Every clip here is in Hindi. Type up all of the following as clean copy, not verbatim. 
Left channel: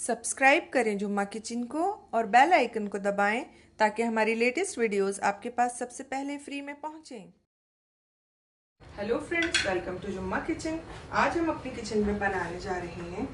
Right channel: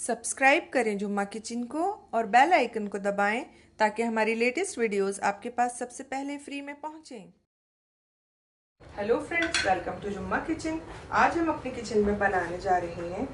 सब्सक्राइब करें जुम्मा किचन को और बेल आइकन को दबाएं ताकि हमारी लेटेस्ट वीडियोस आपके पास सबसे पहले फ्री में पहुंचें। हेलो फ्रेंड्स, वेलकम टू जुम्मा किचन। आज हम अपनी किचन में बनाने जा रहे हैं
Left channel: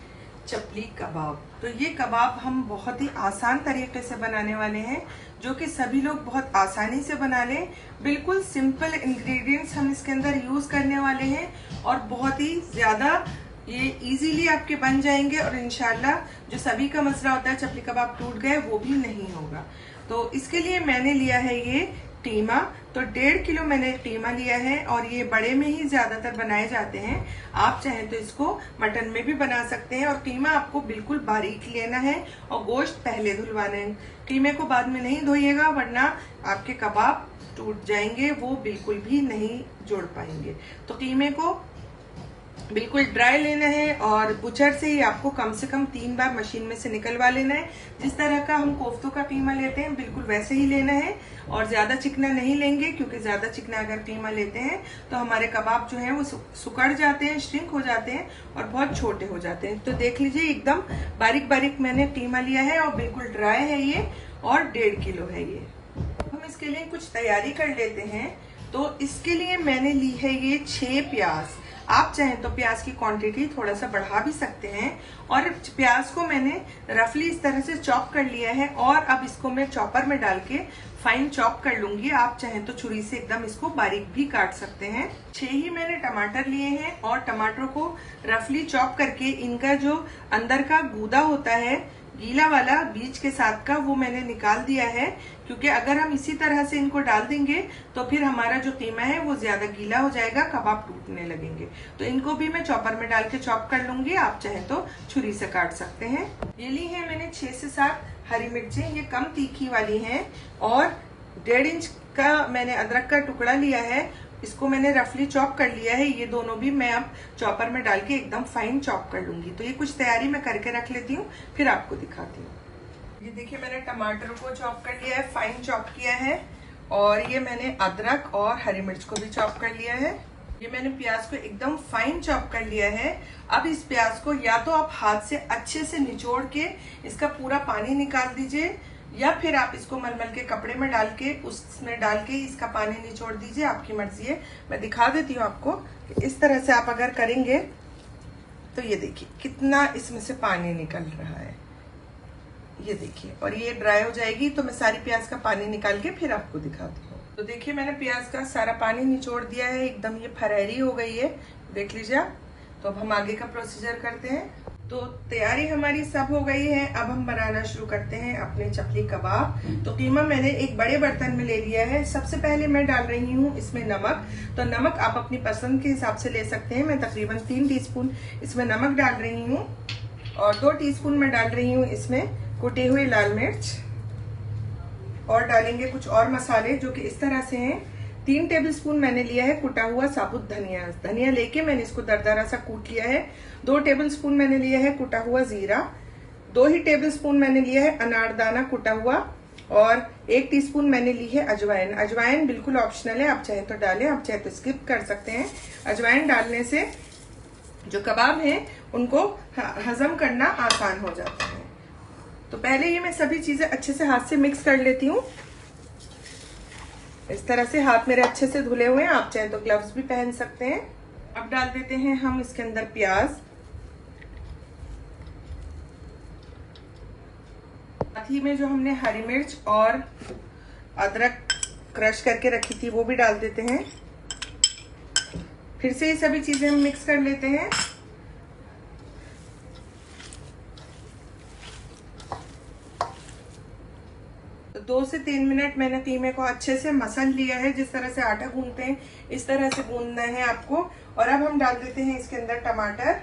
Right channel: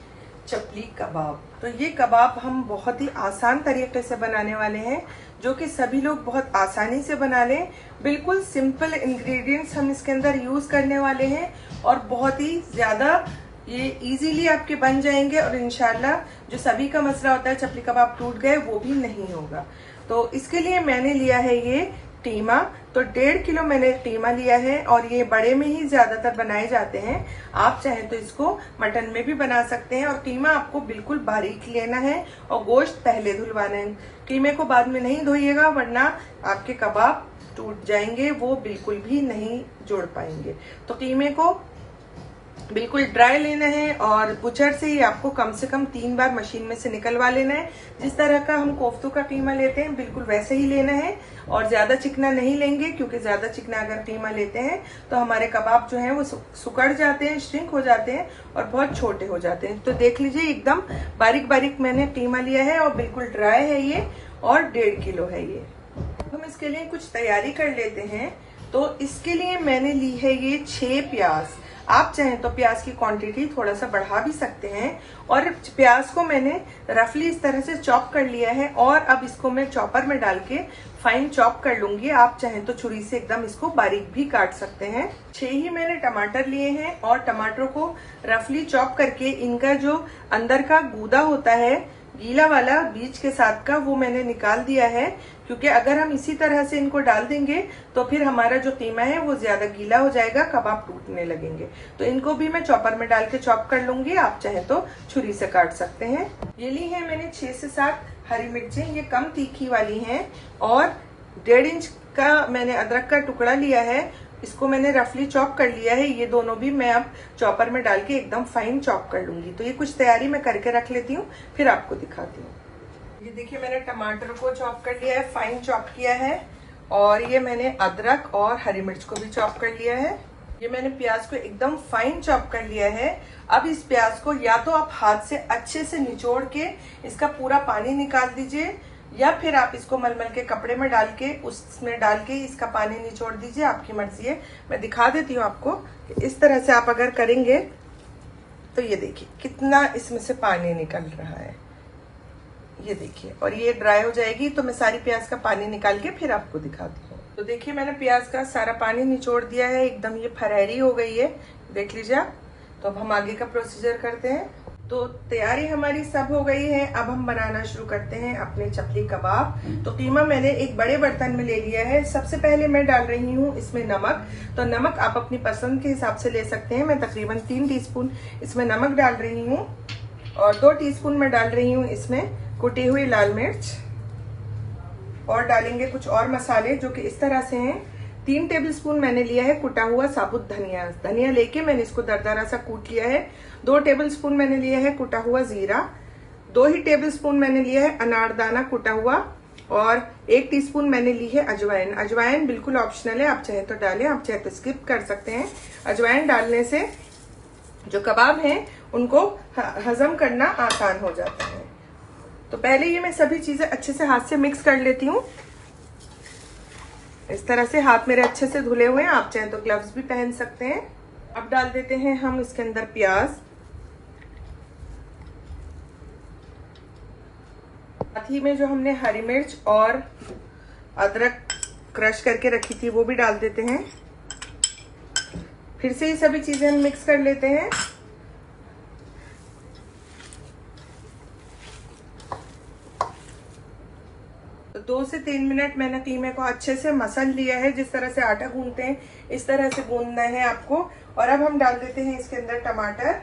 चपली कबाब। तो ये कबाब हम बहुत ही आसान तरीके से बनाने वाले हैं, जो कि सभी लोग बहुत आसानी से बना लें। बिल्कुल सिंपल इंग्रेडिएंट्स हम इसके अंदर यूज करने वाले हैं और बहुत ही ज्यादा ये इजीली आपके बन जाएंगे और इंशाल्लाह जो सभी का मसला होता है चपली कबाब टूट गए वो भी नहीं होगा। तो इसके लिए मैंने लिया है ये टीमा। तो 1.5 किलो मैंने टीमा लिया है और ये बड़े में ही ज्यादातर बनाए जाते हैं। आप चाहें तो इसको मटन में भी बना सकते हैं। और टीमा आपको बिल्कुल बारीक लेना है और गोश्त पहले धुलवाना है। टीमे को बाद में नहीं धोइएगा वरना आपके कबाब टूट जाएंगे, वो बिल्कुल भी नहीं जोड़ पाएंगे। तो टीमे को बिल्कुल ड्राई लेना है और बुचर से ही आपको कम से कम 3 बार मशीन में से निकलवा लेना है। जिस तरह का हम कोफ्तों का कीमा लेते हैं बिल्कुल वैसे ही लेना है और ज्यादा चिकना नहीं लेंगे, क्योंकि ज्यादा चिकना अगर कीमा लेते हैं तो हमारे कबाब जो है वो सुकड़ जाते हैं, श्रिंक हो जाते हैं और बहुत छोटे हो जाते हैं। तो देख लीजिए एकदम बारीक बारीक मैंने कीमा लिया है और बिल्कुल ड्राई है ये और 1.5 किलो है ये। हम इसके लिए कुछ तैयारी कर लेते हैं। तो इसके लिए मैंने ली है ये 6 प्याज। आप चाहें तो प्याज की क्वांटिटी थोड़ा सा बढ़ा भी सकते हैं। और प्याज को मैंने रफली इस तरह से चॉप कर लिया है और अब इसको मैं चॉपर में डाल के फाइन चॉप कर लूंगी। आप चाहें तो छुरी से एकदम इसको बारीक भी काट सकते हैं। 6 ही मैंने टमाटर लिए हैं और टमाटर को रफली चॉप करके इनका जो अंदर का गूदा होता है गीला वाला बीज के साथ का, वो मैंने निकाल दिया है। क्योंकि अगर हम इसी तरह से इनको डाल देंगे तो फिर हमारा जो कीमा है वो ज्यादा गीला हो जाएगा, कबाब टूटने लगेंगे। तो इनको भी मैं चॉपर में डाल के चॉप कर लूंगी। आप चाहे तो छुरी से काट सकते हैं। ये ली है मैंने 6 से 7 हरी मिर्चें, ये कम तीखी वाली हैं। और 1.5 इंच का मैंने अदरक का टुकड़ा लिया है, इसको मैंने रफली चॉप कर लिया है। ये दोनों भी मैं अब चॉपर में डाल के एकदम फाइन चॉप कर लूंगी। तो ये कुछ तैयारी मैं करके रख लेती हूँ, फिर आपको दिखाती हूँ। ये देखिए मैंने टमाटर को चॉप कर लिया है, फाइन चॉप किया है। और ये मैंने अदरक और हरी मिर्च को भी चॉप कर लिया है। ये मैंने प्याज को एकदम फाइन चॉप कर लिया है। अब इस प्याज को या तो आप हाथ से अच्छे से निचोड़ के इसका पूरा पानी निकाल दीजिए, या फिर आप इसको मलमल के कपड़े में डाल के उसमें डाल के इसका पानी निचोड़ दीजिए, आपकी मर्जी है। मैं दिखा देती हूँ आपको। इस तरह से आप अगर करेंगे तो ये देखिए कितना इसमें से पानी निकल रहा है, ये देखिए। और ये ड्राई हो जाएगी तो मैं सारी प्याज का पानी निकाल के फिर आपको दिखाती हूँ। तो देखिए मैंने प्याज का सारा पानी निचोड़ दिया है, एकदम ये फरहरी हो गई है, देख लीजिए आप। तो अब हम आगे का प्रोसीजर करते हैं। तो तैयारी हमारी सब हो गई है, अब हम बनाना शुरू करते हैं अपने चपली कबाब। तो कीमा मैंने एक बड़े बर्तन में ले लिया है। सबसे पहले मैं डाल रही हूँ इसमें नमक। तो नमक आप अपनी पसंद के हिसाब से ले सकते हैं। मैं तकरीबन 3 टीस्पून इसमें नमक डाल रही हूँ और 2 टीस्पून मैं डाल रही हूँ इसमें कुटी हुई लाल मिर्च। और डालेंगे कुछ और मसाले जो कि इस तरह से हैं। 3 टेबलस्पून मैंने लिया है कुटा हुआ साबुत धनिया। धनिया लेके मैंने इसको दरदरा सा कूट लिया है। 2 टेबलस्पून मैंने लिया है कुटा हुआ जीरा। 2 ही टेबलस्पून मैंने लिया है अनारदाना कुटा हुआ। और 1 टीस्पून मैंने ली है अजवाइन। अजवाइन बिल्कुल ऑप्शनल है, आप चाहे तो डालें, आप चाहे तो स्किप कर सकते हैं। अजवाइन डालने से जो कबाब हैं उनको हजम करना आसान हो जाता है। तो पहले ये मैं सभी चीजें अच्छे से हाथ से मिक्स कर लेती हूँ। इस तरह से हाथ मेरे अच्छे से धुले हुए हैं, आप चाहे तो ग्लव्स भी पहन सकते हैं। अब डाल देते हैं हम इसके अंदर प्याज। साथ ही में जो हमने हरी मिर्च और अदरक क्रश करके रखी थी वो भी डाल देते हैं। फिर से ये सभी चीजें हम मिक्स कर लेते हैं। तो 2 से 3 मिनट मैंने कीमे को अच्छे से मसल लिया है। जिस तरह से आटा गूंदते हैं इस तरह से गूंदना है आपको। और अब हम डाल देते हैं इसके अंदर टमाटर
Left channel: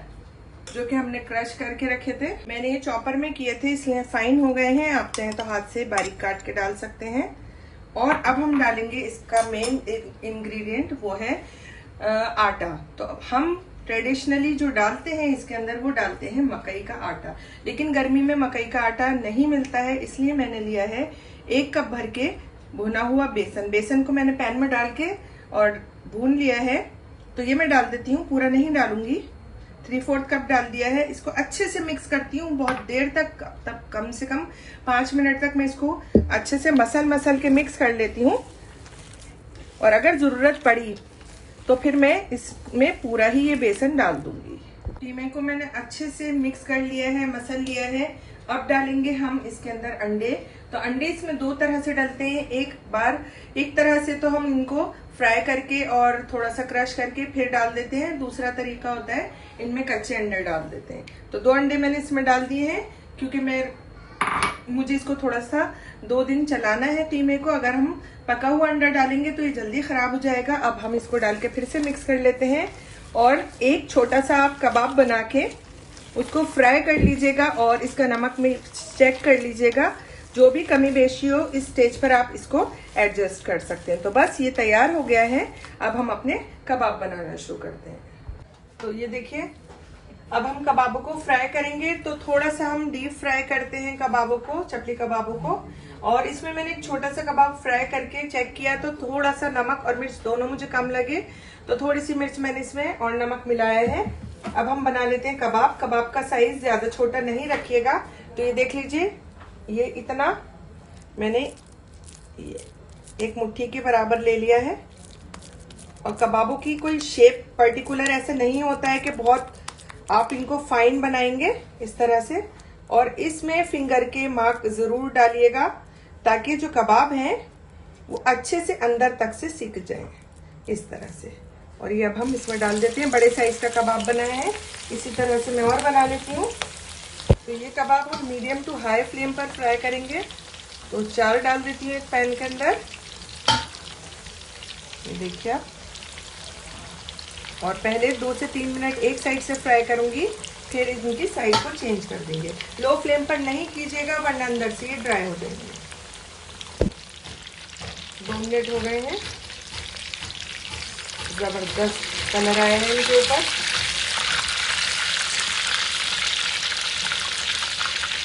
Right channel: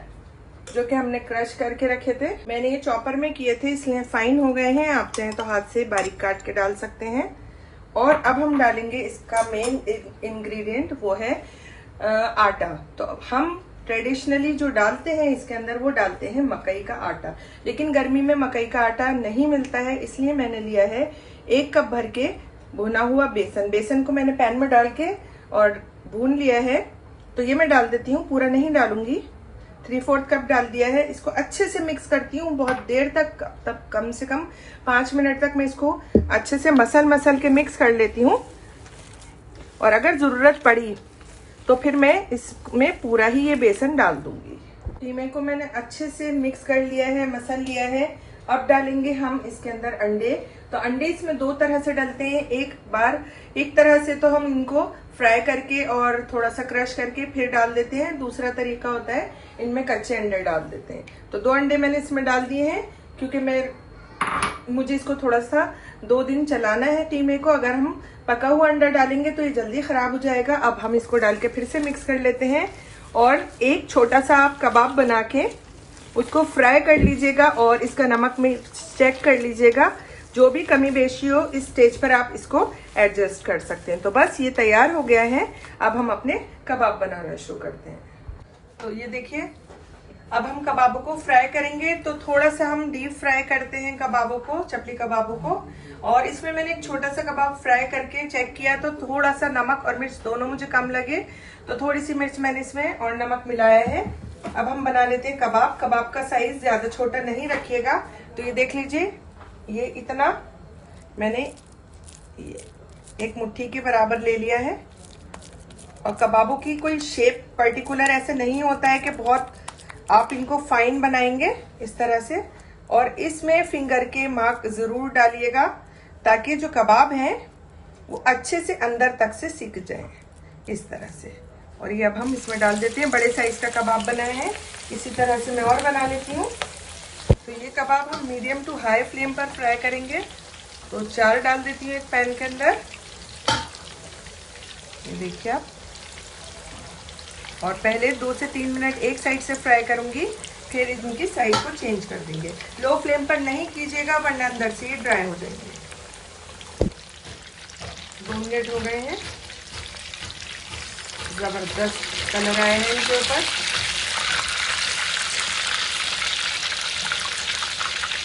जो कि हमने क्रश करके रखे थे। मैंने ये चॉपर में किए थे इसलिए फाइन हो गए हैं, आप चाहें तो हाथ से बारीक काट के डाल सकते हैं। और अब हम डालेंगे इसका मेन इंग्रेडिएंट, वो है आटा। तो अब हम ट्रेडिशनली जो डालते हैं इसके अंदर वो डालते हैं मकई का आटा। लेकिन गर्मी में मकई का आटा नहीं मिलता है, इसलिए मैंने लिया है 1 कप भर के भुना हुआ बेसन। बेसन को मैंने पैन में डाल के और भून लिया है। तो ये मैं डाल देती हूँ, पूरा नहीं डालूंगी। 3/4 कप डाल दिया है। इसको अच्छे से मिक्स करती हूँ बहुत देर तक, तब कम से कम 5 मिनट तक मैं इसको अच्छे से मसल के मिक्स कर लेती हूँ। और अगर जरूरत पड़ी तो फिर मैं इसमें पूरा ही ये बेसन डाल दूंगी। टीमे को मैंने अच्छे से मिक्स कर लिया है, मसल लिया है। अब डालेंगे हम इसके अंदर अंडे। तो अंडे इसमें 2 तरह से डलते हैं। एक तरह से तो हम इनको फ्राई करके और थोड़ा सा क्रश करके फिर डाल देते हैं। दूसरा तरीका होता है इनमें कच्चे अंडे डाल देते हैं। तो 2 अंडे मैंने इसमें डाल दिए हैं, क्योंकि मुझे इसको थोड़ा सा 2 दिन चलाना है टीमे को। अगर हम पका हुआ अंडा डालेंगे तो ये जल्दी खराब हो जाएगा। अब हम इसको डाल के फिर से मिक्स कर लेते हैं। और एक छोटा सा आप कबाब बना के उसको फ्राई कर लीजिएगा और इसका नमक में चेक कर लीजिएगा। जो भी कमी बेशी हो इस स्टेज पर आप इसको एडजस्ट कर सकते हैं। तो बस ये तैयार हो गया है। अब हम अपने कबाब बनाना शुरू करते हैं। तो ये देखिए, अब हम कबाबों को फ्राई करेंगे। तो थोड़ा सा हम डीप फ्राई करते हैं कबाबों को, चपली कबाबों को। और इसमें मैंने एक छोटा सा कबाब फ्राई करके चेक किया तो थोड़ा सा नमक और मिर्च दोनों मुझे कम लगे, तो थोड़ी सी मिर्च मैंने इसमें और नमक मिलाया है। अब हम बना लेते हैं कबाब। कबाब का साइज ज्यादा छोटा नहीं रखिएगा। तो ये देख लीजिए, ये इतना मैंने एक मुट्ठी के बराबर ले लिया है। और कबाबों की कोई शेप पर्टिकुलर ऐसा नहीं होता है कि बहुत आप इनको फाइन बनाएंगे इस तरह से। और इसमें फिंगर के मार्क जरूर डालिएगा ताकि जो कबाब है वो अच्छे से अंदर तक से सिक जाए इस तरह से। और ये अब हम इसमें डाल देते हैं। बड़े साइज का कबाब बनाया है, इसी तरह से मैं और बना लेती हूँ। तो ये कबाब हम मीडियम टू हाई फ्लेम पर फ्राई करेंगे। तो 4 डाल देती हूँ एक पैन के अंदर, देखिए। और पहले 2 से 3 मिनट एक साइड से फ्राई करूंगी, फिर इनकी साइड को चेंज कर देंगे। लो फ्लेम पर नहीं कीजिएगा वरना अंदर से ये ड्राई हो जाएंगे। 2 मिनट हो गए हैं, जबरदस्त कलर आए हैं इनके ऊपर।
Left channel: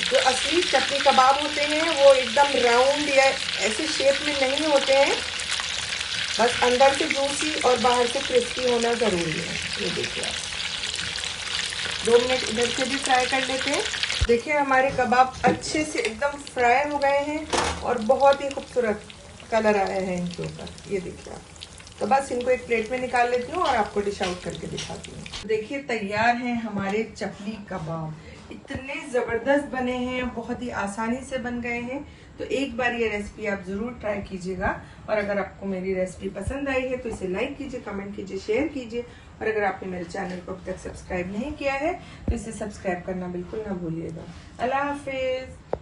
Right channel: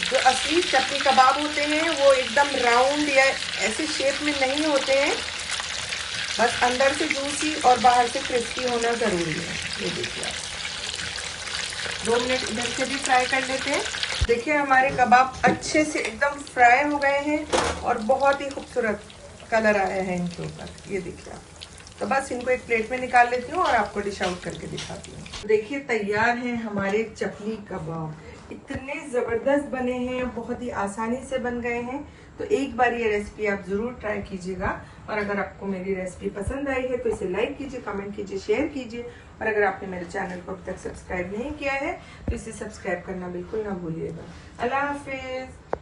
जो असली चपली कबाब होते हैं वो एकदम राउंड या ऐसी शेप में नहीं होते हैं, बस अंदर से जूसी और बाहर से क्रिस्पी होना जरूरी है। ये देखिए, 2 मिनट इधर से भी फ्राई कर देते हैं। देखिए हमारे कबाब अच्छे से एकदम फ्राई हो गए हैं और बहुत ही खूबसूरत कलर आया है इनके ऊपर, ये देखिए आप। तो बस इनको एक प्लेट में निकाल लेती हूँ और आपको डिश आउट करके दिखाती हूँ। देखिए तैयार हैं हमारे चपली कबाब। इतने जबरदस्त बने हैं, बहुत ही आसानी से बन गए हैं। तो एक बार ये रेसिपी आप जरूर ट्राई कीजिएगा। और अगर आपको मेरी रेसिपी पसंद आई है तो इसे लाइक कीजिए, कमेंट कीजिए, शेयर कीजिए। और अगर आपने मेरे चैनल को अब तक सब्सक्राइब नहीं किया है तो इसे सब्सक्राइब करना बिल्कुल ना भूलिएगा। अल्लाह हाफिज।